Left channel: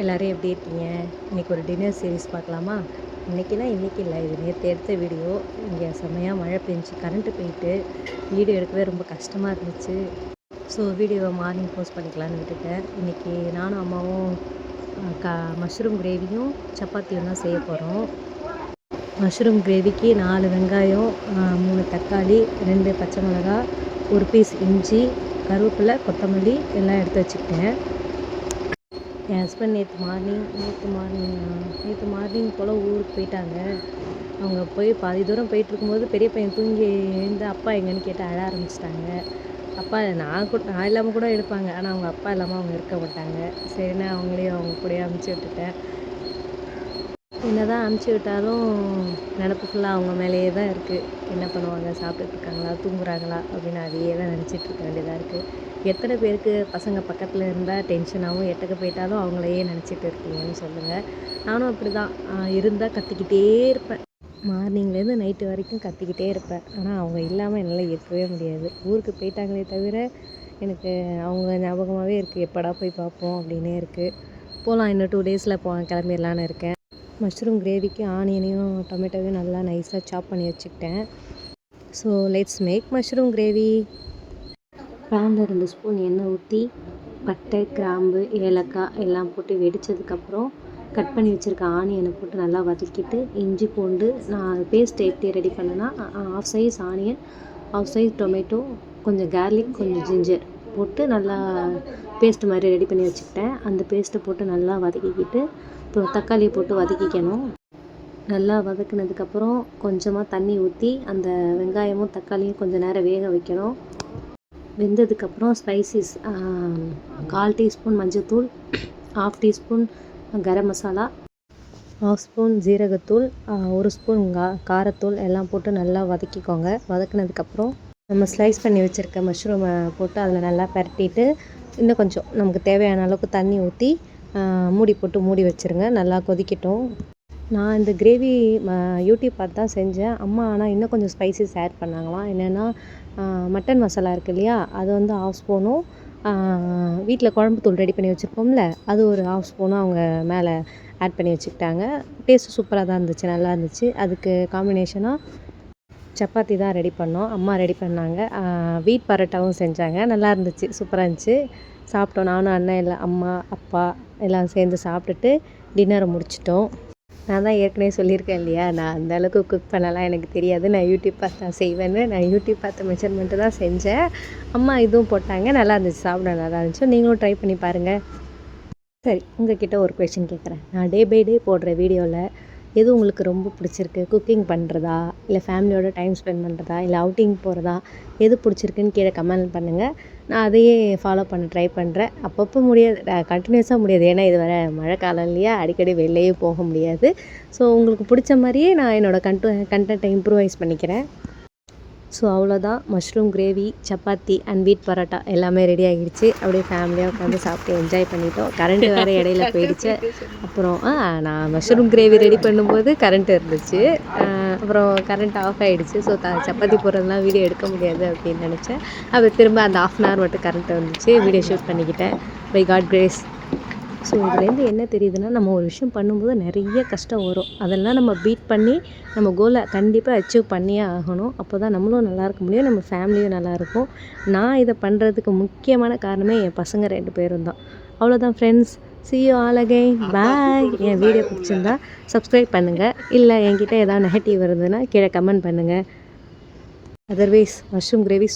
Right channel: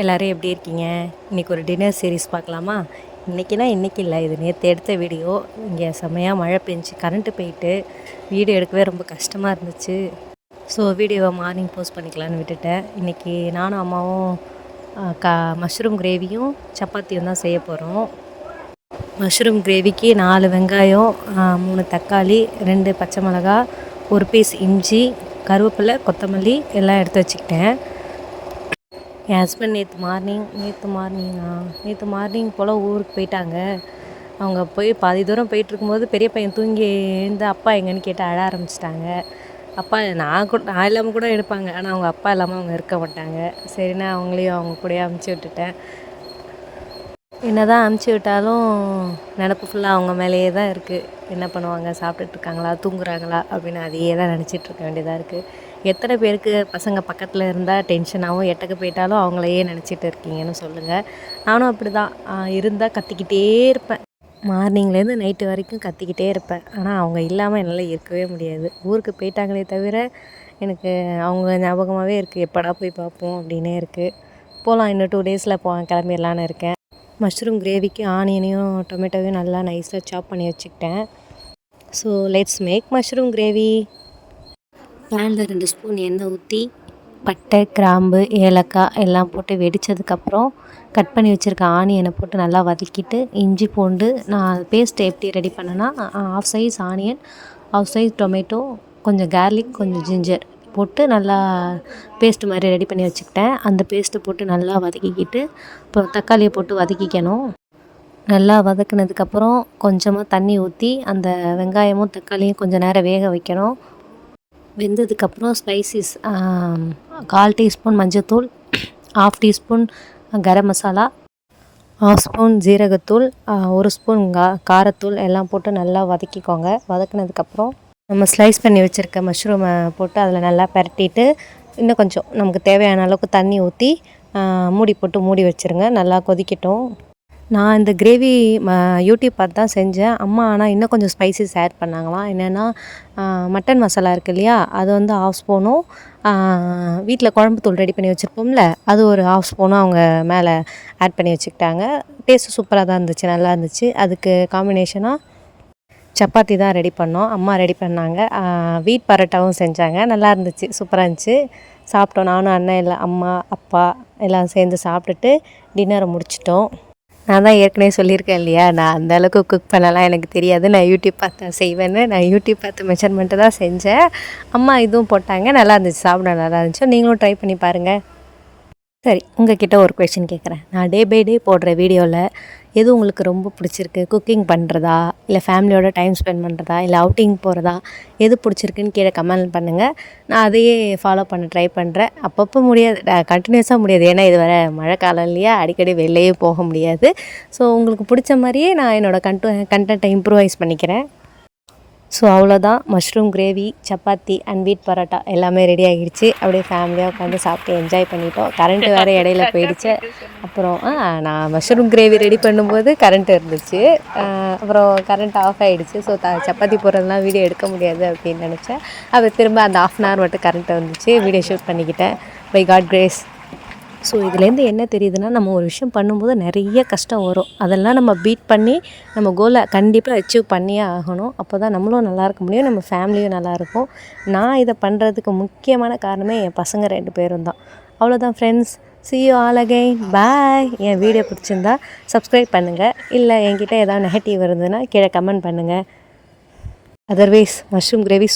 எல்லோரும் எப்படி இருக்கீங்க? இன்றைக்கி ஒரு டின்னர் சீரீஸ் பார்க்கலாமா? இன்றைக்கி இல்லை, இது நேற்று எடுத்த வீடியோ. இங்கே செம்மையாக மழை பெஞ்சு கரண்ட்டு போயிட்டு வீடியோ எடுக்கவே ரொம்ப கஷ்டமாக இருந்துச்சு. ஸோ வீடியோவை மார்னிங் போஸ்ட் பண்ணிக்கலான்னு விட்டுட்டேன். இன்றைக்கி நானும் அம்மாவும் மஷ்ரூம் கிரேவியும் சப்பாத்தியும் தான் செய்ய போகிறோம். மஷ்ரூம் கிரேவிக்கு 4 வெங்காயம், 3 தக்காளி, 2 பச்சை மிளகா, 1 பீஸ் இஞ்சி, கருவேப்பிலை, கொத்தமல்லி எல்லாம் எடுத்து வச்சுக்கிட்டேன். என் ஹஸ்பண்ட் நேற்று மார்னிங் போல் ஊருக்கு போயிட்டாங்க. அவங்க போய் பாதி தூரம் போயிட்டுருக்கும்போது பெரிய பையன் தூங்கி எழுந்து அப்பா எங்கேன்னு கேட்டு அழ ஆரம்பிச்சிட்டாங்க. அப்பா நான் இல்லாமல் கூட எடுப்பாங்க, ஆனால் அவங்க அப்பா இல்லாமல் அவங்க இருக்க மாட்டாங்க. சரிண்ணா அவங்களையும் அவங்க கூடயே அமுச்சு விட்டுட்டேன். என்ன தான் அமுச்சு விட்டாலும் நினப்பு ஃபுல்லாக அவங்க மேலேயே தான் இருக்குது. என்ன பண்ணுவாங்க, சாப்பிட்டுட்ருக்காங்களா, தூங்குறாங்களா அப்படின்னு அதையே தான் நினச்சிட்ருக்க வேண்டியதாக இருக்குது. எத்தனை பேருக்கு பசங்க பக்கத்தில் இருந்தால் டென்ஷனாகவும் எட்டக்கு போயிட்டாலும் அவங்களையே நினச்சிட்டு இருக்கீங்கன்னு சொல்லுங்கள். நானும் அப்படி தான் இருந்தால் கத்திக்கிட்டே இருப்பேன். மார்னிங்லேருந்து நைட்டு வரைக்கும் கத்திக்கிட்டே இருப்பேன். ஆனால் அவங்க இல்லாமல் என்னால் இருக்கவே முடியாது. ஊருக்கு போயிட்டாங்களே தவிர எனக்கு அவங்க ஞாபகமாகவே இருக்குது. எப்படா போய் பார்ப்போம் அப்படின்னே இருக்குது. போகலாம், இன்னும் 2 டேஸில் கிளம்பிடலான்னு இருக்கேன். மஷ்ரூம் கிரேவிக்கு ஆனியனையும் டொமேட்டோவையும் நல்லா நைஸாக சாப் பண்ணி வச்சுக்கிட்டேன். So let's make mushroom gravy. பேனில் 2 ஸ்பூன் எண்ணெய் ஊற்றி பட்டை, கிராம்பு, ஏலக்காய் எல்லாம் போட்டு வெடித்ததுக்கப்புறம் கட் பண்ணி வச்சுருக்க ஆனியனை போட்டு நல்லா வதக்கிட்டு இஞ்சி பூண்டு நான் பேஸ்ட் எப்படி ரெடி பண்ணேன்னா, 1/2 சைஸ் ஆனியன், 1/2 சைஸ் டொமேட்டோ, கொஞ்சம் கார்லிக், கொஞ்சம் ஜிஞ்சர் போட்டு நல்லா பேஸ்ட்டு மாதிரி ரெடி பண்ணி வச்சுக்கிட்டேன். அந்த பேஸ்ட்டு போட்டு நல்லா வதக்கிக்கிட்டு இப்போ தக்காளியை போட்டு வதக்கிக்கணும். நல்லா வதக்கினதுக்கப்புறம் கொஞ்சமாக தண்ணி ஊற்றி அந்த வெங்காயமும் தக்காளியும் கொஞ்சம் நேரம் வேக வைக்கணும். வெந்ததுக்கப்புறம் ஸ்பைசிஸ் 1/4 டீஸ்பூன் மஞ்சத்தூள், 1/2 டீஸ்பூன் கரம் மசாலா, 1/2 ஸ்பூன் ஜீரகத்தூள், 1 ஸ்பூன் காரத்தூள் எல்லாம் போட்டு நல்லா வதக்கிக்கோங்க. வதக்கினதுக்கப்புறம் நம்ம ஸ்லைஸ் பண்ணி வச்சுருக்க மஷ்ரூமை போட்டு அதில் நல்லா பரட்டிட்டு இன்னும் கொஞ்சம் நமக்கு தேவையான அளவுக்கு தண்ணி ஊற்றி மூடி போட்டு மூடி வச்சுருங்க. நல்லா கொதிக்கட்டும். நான் இந்த கிரேவி யூடியூப் பார்த்து தான் செஞ்சேன். அம்மா ஆனால் இன்னும் கொஞ்சம் ஸ்பைசஸ் ஆட் பண்ணாங்களாம். என்னென்னா மட்டன் மசாலா இருக்குது இல்லையா, அது வந்து 1/2 ஸ்பூனும், வீட்டில் குழம்பு தூள் ரெடி பண்ணி வச்சுருப்போம்ல, அது ஒரு 1/2 ஸ்பூனும் அவங்க மேலே ஆட் பண்ணி வச்சுக்கிட்டாங்க. டேஸ்ட்டு சூப்பராக தான் இருந்துச்சு, நல்லா இருந்துச்சு. அதுக்கு காம்பினேஷனாக சப்பாத்தி தான் ரெடி பண்ணோம். அம்மா ரெடி பண்ணாங்க. வீட் பரோட்டாவும் செஞ்சாங்க. நல்லா இருந்துச்சு, சூப்பராக இருந்துச்சு. சாப்பிட்டோம். நானும் அண்ணன் எல்லாம், அம்மா அப்பா எல்லாம் சேர்ந்து சாப்பிட்டுட்டு டின்னரை முடிச்சிட்டோம். நான் தான் ஏற்கனவே சொல்லியிருக்கேன் இல்லையா, நான் அந்த அளவுக்கு குக் பண்ணலாம் எனக்கு தெரியாது. நான் யூடியூப் பார்த்து செய்வேன்னு. நான் யூடியூப் பார்த்து மெஷர்மெண்ட்டு தான் செஞ்சேன். அம்மா இதுவும் போட்டாங்க, நல்லா இருந்துச்சு, சாப்பிட நல்லா இருந்துச்சு. நீங்களும் ட்ரை பண்ணி பாருங்கள். சரி, உங்கள்கிட்ட ஒரு கொஷின் கேட்குறேன். நான் டே பை டே போடுற வீடியோவில் எது உங்களுக்கு ரொம்ப பிடிச்சிருக்கு? குக்கிங் பண்ணுறதா, இல்லை ஃபேமிலியோட டைம் ஸ்பெண்ட் பண்ணுறதா, இல்லை அவுட்டிங் போகிறதா, எது பிடிச்சிருக்குன்னு கீழே கமெண்ட் பண்ணுங்கள். நான் அதையே ஃபாலோ பண்ண ட்ரை பண்ணுறேன். அப்பப்போ முடியாது, கண்டினியூஸாக முடியாது. ஏன்னா இது வர மழை காலம் இல்லையா, அடிக்கடி வெளியே போக முடியாது. ஸோ உங்களுக்கு பிடிச்ச மாதிரியே நான் என்னோடய கண்டென்ட்டை இம்ப்ரூவைஸ் பண்ணிக்கிறேன். ஸோ அவ்வளோதான். மஷ்ரூம் கிரேவி, சப்பாத்தி அண்ட் வீட் பரோட்டா எல்லாமே ரெடி ஆகிடுச்சு. அப்படியே ஃபேமிலியாக உட்காந்து சாப்பிட்டு என்ஜாய் பண்ணிட்டோம். கரண்ட்டு வேறு இடையில போயிடுச்சு. அப்புறம் நான் மஷ்ரூம் கிரேவி ரெடி பண்ணும்போது கரண்ட் இருந்துச்சு. அப்புறம் கரண்ட் ஆஃப் ஆகிடுச்சு. ஸோ சப்பாத்தி போடுறதுலாம் வீடியோ எடுக்க முடியாது அப்படின்னு நினச்சேன். அது திரும்ப அந்த 1/2 hour மட்டும் கரண்ட் வந்துச்சு. வீடியோ ஷூட் பண்ணிக்கிட்டேன். By God grace. ஸோ இதுலேருந்து என்ன தெரியுதுன்னா, நம்ம ஒரு விஷயம் பண்ணும்போது நிறைய கஷ்டம் வரும். அதெல்லாம் நம்ம பீட் பண்ணி நம்ம கோலை கண்டிப்பாக அச்சீவ் பண்ணியே ஆகணும். அப்போ தான் நம்மளும் நல்லா இருக்க முடியும், நம்ம ஃபேமிலியும் நல்லாயிருக்கும். நான் இதை பண்ணுறதுக்கு முக்கியமான காரணமே என் பசங்க 2 பேரும் தான். அவ்வளோதான் friends. see you all again. Bye. N video பிடிச்சிருந்தா சப்ஸ்கிரைப் பண்ணுங்கள். இல்லை என்கிட்ட ஏதாவது நெகட்டிவ் இருந்ததுன்னா கீழே கமெண்ட் பண்ணுங்கள். Otherwise mushroom gravy